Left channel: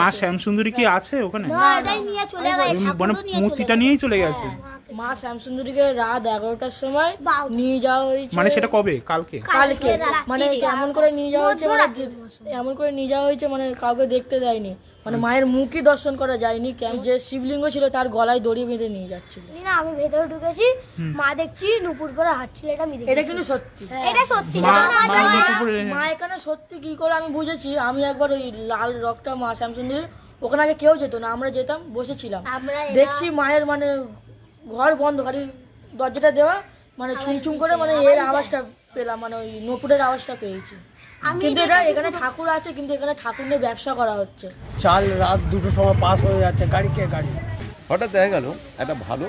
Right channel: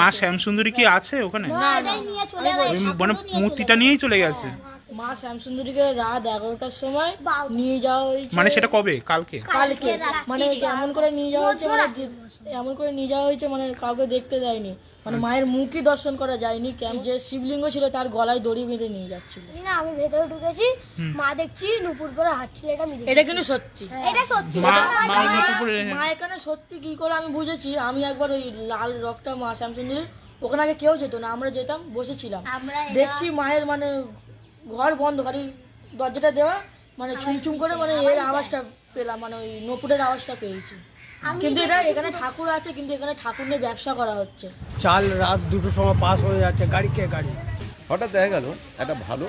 মা শ্যামসুন্দরী কি আছে ওখানে? মানে মূর্তিটা নিয়েই চলে গেছে। মা শ্যামসুন্দরীকে রাত 11টার সময় নিয়ে যাওয়া হয়েছে। মানে সেটা কবে? কালকে মানে এমন করে নিয়ে যাওয়া হয়েছে, মানে এমন করে নিয়ে যাওয়া হয়েছে মানে কাউকে দেখতে দেয়নি, মানে মায়ের মুখই দর্শন করা যায়নি। যে শিবলিঙ্গ ছিল তার গলায় দড়ি বেঁধে নিয়ে যাচ্ছিল। না আমি ভেতরে ঢুকেছি, মা দেখছি নুপুর পরে হাঁটছিল। এটা কিন্তু সত্যি, এটা সত্যি। মা এখানে সত্যি কি করে আমি বুঝেছি, আমি একবার ওই লাল রকটা মা শ্যামসুন্দরী ওখানে আগে কেউ যেত না, আমরা যেতাম, বসেছিলাম, দেখছি মায়ের মানে ঘর বন্ধ, খালি দরজাটা দেওয়া, মানে ছুমছুম করে মানে এর আওয়াজটা পেলাম, মানে ওই নপুরের আওয়াজটা পেয়েছি। কিন্তু এটা এখানে ঠাকুর আছে, কিন্তু এখানে ঠাকুর নিয়ে ব্যবসা করা হচ্ছে। চাল রাত 2টোর সময় পাস হয়ে যাচ্ছে, গাড়ি কে গাড়ি। হঠাৎ দেখা গেল একটা ভালো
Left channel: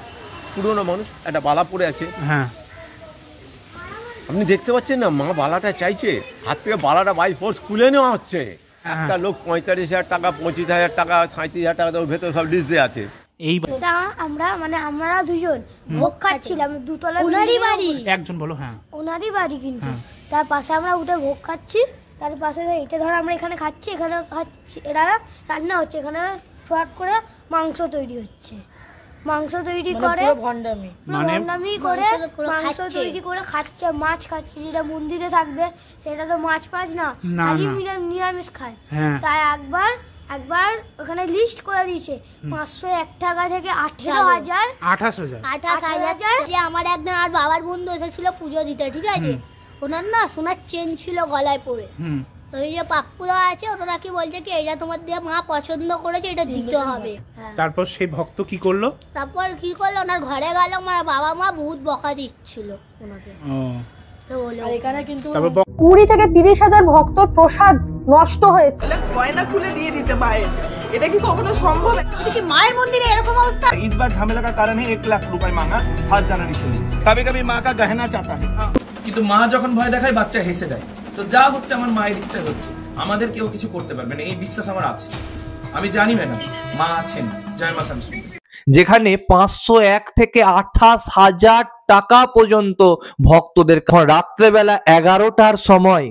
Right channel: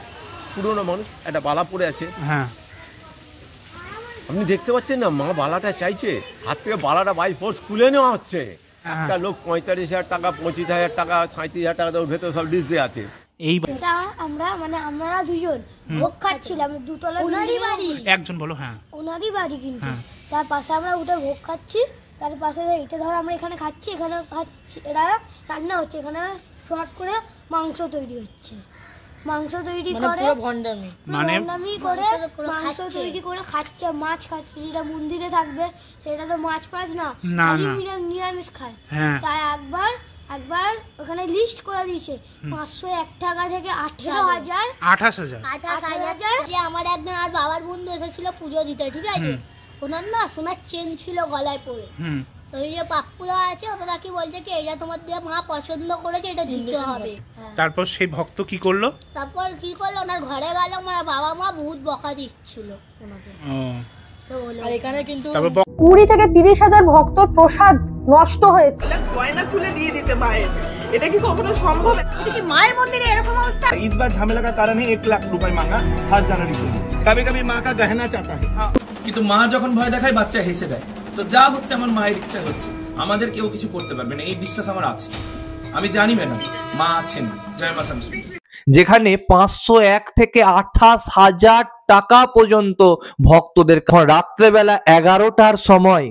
পুরনো মানুষ একটা বালা পড়ে আছে। হ্যাঁ, আপনি দেখতে পাচ্ছেন না, মা বালাটা চাইছে, হাত থেকে বালাটা বাই ফোর্স খুলে নেওয়া হচ্ছে। একটা লোক 45,000 টাকা, 25,000 টাকা, 37,000 টাকা ভেতরে সব লিস্ট দিয়ে আছে। আমরা দুজন ভোগ খাচ্ছিলাম, দুতলা একজন বলো। হ্যাঁ, ওনারই বাড়ি, কিন্তু তার পাশে আমরা উঠে ভোগ খাচ্ছি, তার পাশে এটা ধর আমরা এখানে খাচ্ছি, এখানে খাচ্ছি, এটা রান্না হচ্ছে, এখানে ফ্রাট করে মাংস তৈরি হচ্ছে, মাংস তৈরি করে ভণ্ডামি করে মাংস তৈরি করে খাচ্ছে, মাছ খাচ্ছে, যেটা মন্দিরে থাকবে সেটা তো মাছ পাঁচ না, নিরামিষ খায়। তাই একবার ওখানে লিস্ট করে দিয়েছে 501 টাকা থেকে 28,000। যে আমার একদিন আর বাবার বন্ধু এসেছিল পুজো দিতে, ঠিক আছে, ওনার না সোনার চেন ছিল গলায় পরে, ওই যে পাপ্পুরা আছে ওরা কি বলছে কি এটা তোমার দিয়ে মা পছন্দ করেছে, এটা দিতে হবে। তারপর সেই ভক্ত কি করলো? ওনার ঘরে গেল, আমার বাবা মা বহুত বকা দিচ্ছিল ওনাকে। এখানে কিন্তু 20 থেকে 30,000 ভক্তর প্রসাদ নষ্ট হয়েছে। গয়না খুলে দিয়ে দিতে মায়ের, এটা কি কখনো সম্ভব? এটা কি মায়ের মন্দিরে এরকম অবস্থা? इस बार झमेला का कारण है 1 लाख रुपए मांगा 1 जनवरी के लिए। कभी कभी माँ का गहना चाहता है, কিন্তু মা যখন ভয় দেখায় বাচ্চা হেসে দেয়। তো যা হচ্ছে আমার মায়ের ইচ্ছা হচ্ছে, আমাদের কেউ কিছু করতে পারবে না, এই বিশ্বাস আমার আছে। আমি জানি ম্যাডাম মা আছেন। জয় মা শ্যামসুন্দরী। যেখানে 501 থেকে 28,000 টাকা পর্যন্ত ভক্তদের রাত্রেবেলা 11টার সময়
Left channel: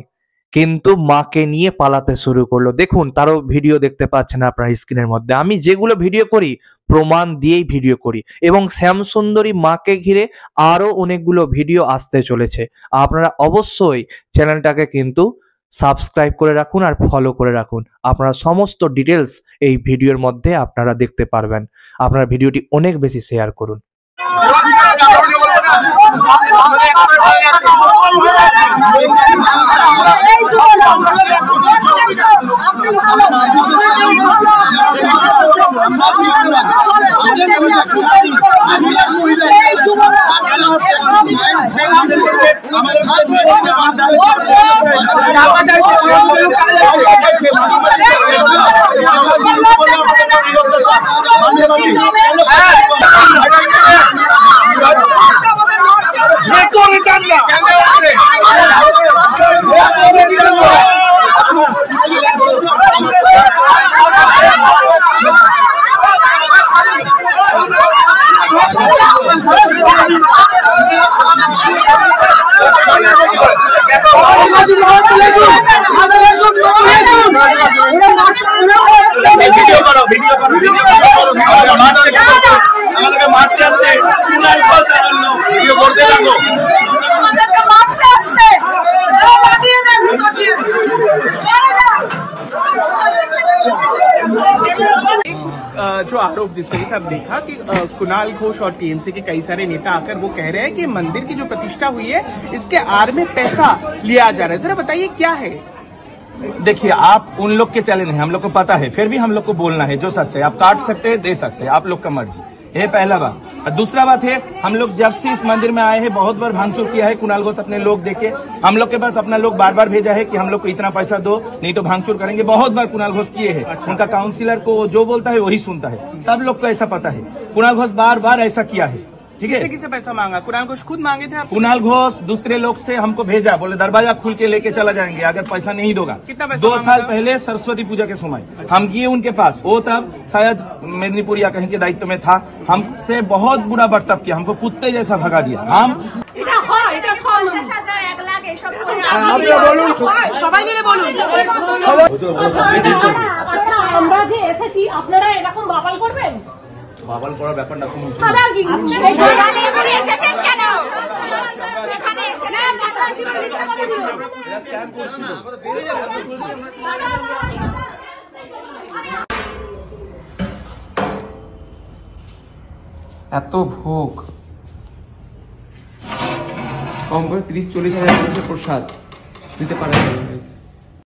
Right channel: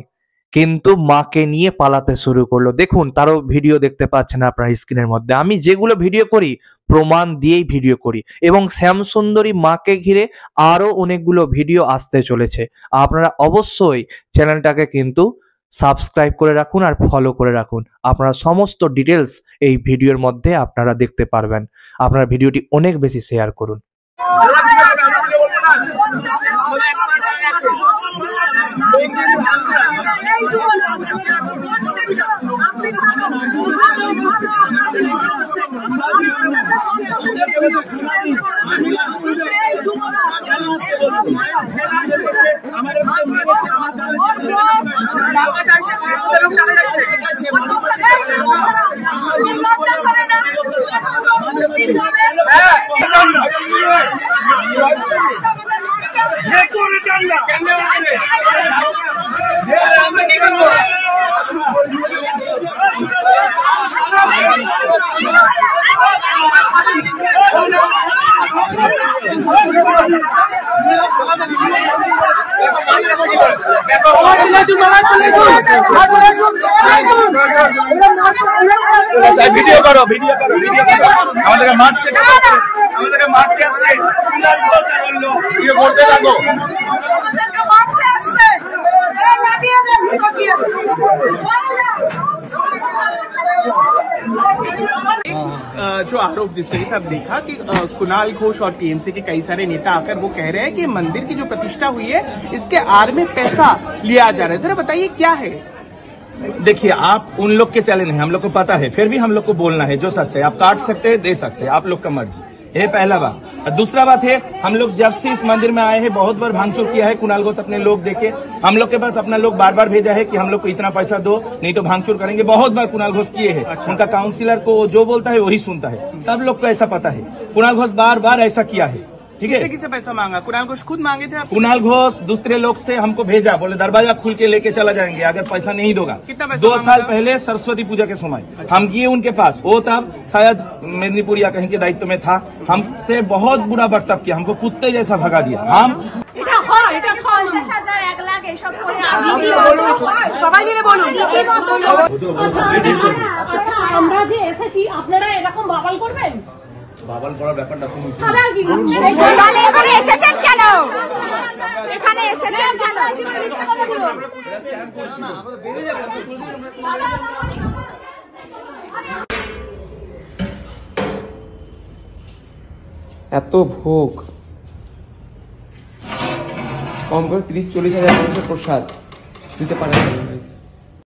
কিন্তু মাকে নিয়ে পালাতে শুরু করলো। দেখুন, তারও ভিডিও দেখতে পাচ্ছেন আপনার স্ক্রিনের মধ্যে। আমি যেগুলো ভিডিও করি প্রমাণ দিয়েই ভিডিও করি, এবং শ্যামসুন্দরী মাকে ঘিরে আরো অনেকগুলো ভিডিও আসতে চলেছে। আপনারা অবশ্যই চ্যানেলটাকে কিন্তু সাবস্ক্রাইব করে রাখুন আর ফলো করে রাখুন। আপনারা সমস্ত ডিটেলস এই ভিডিওর মধ্যে আপনারা দেখতে পারবেন। আপনারা ভিডিওটি অনেক বেশি শেয়ার করুন। जो आरोप जिस तरीके से आप देखा कि कुणाल घोष और टीएमसी के कई सारे नेता आकर वो कह रहे हैं कि मंदिर की जो प्रतिष्ठा हुई है इसके आड़ में पैसा लिया जा रहा है, जरा बताइए क्या है? देखिए, आप उन लोग के चैनल हैं, हम लोग को पता है, फिर भी हम लोग को बोलना है जो सच है। आप काट सकते हैं, दे सकते हैं, आप लोग का मर्जी। ये पहला बात। और दूसरा बात है, हम लोग जब से इस मंदिर में आए हैं बहुत बार भांगचोर किया है। कुणाल घोष अपने लोग देके हम लोग के पास अपना लोग बार बार भेजा है कि हम लोग को इतना पैसा दो, नहीं तो भांगचोर करेंगे। बहुत बार कुणाल घोष किए हैं। उनका काउंसिलर को जो बोलता है वही सुनता है, सब लोग को ऐसा पता है। कुणाल घोष बार बार ऐसा किया है, ठीक है। किससे पैसा मांगा? कुणाल घोष खुद मांगे थे आपसे? कुणाल घोष दूसरे लोग से हमको भेजा, बोले दरवाजा खुल के लेके चला जाएंगे अगर पैसा नहीं दोगा। कितना पैसा? 2 साल पहले सरस्वती पूजा के समय हम गए उनके पास, वो तब शायद मेदिनीपुर या कहीं के दायित्व में था। हमसे बहुत बुरा बर्ताव किया, हमको कुत्ते जैसा भगा दिया। हम সবাই মিলে বলুন। আমরা যে এসেছি আপনারা এরকম বাবাল করবেন? বাবাল করার ব্যাপারটা শুনুন। এত ভোগ, কম করে 30-40 হাজার মানুষের প্রসাদ দিতে পারে।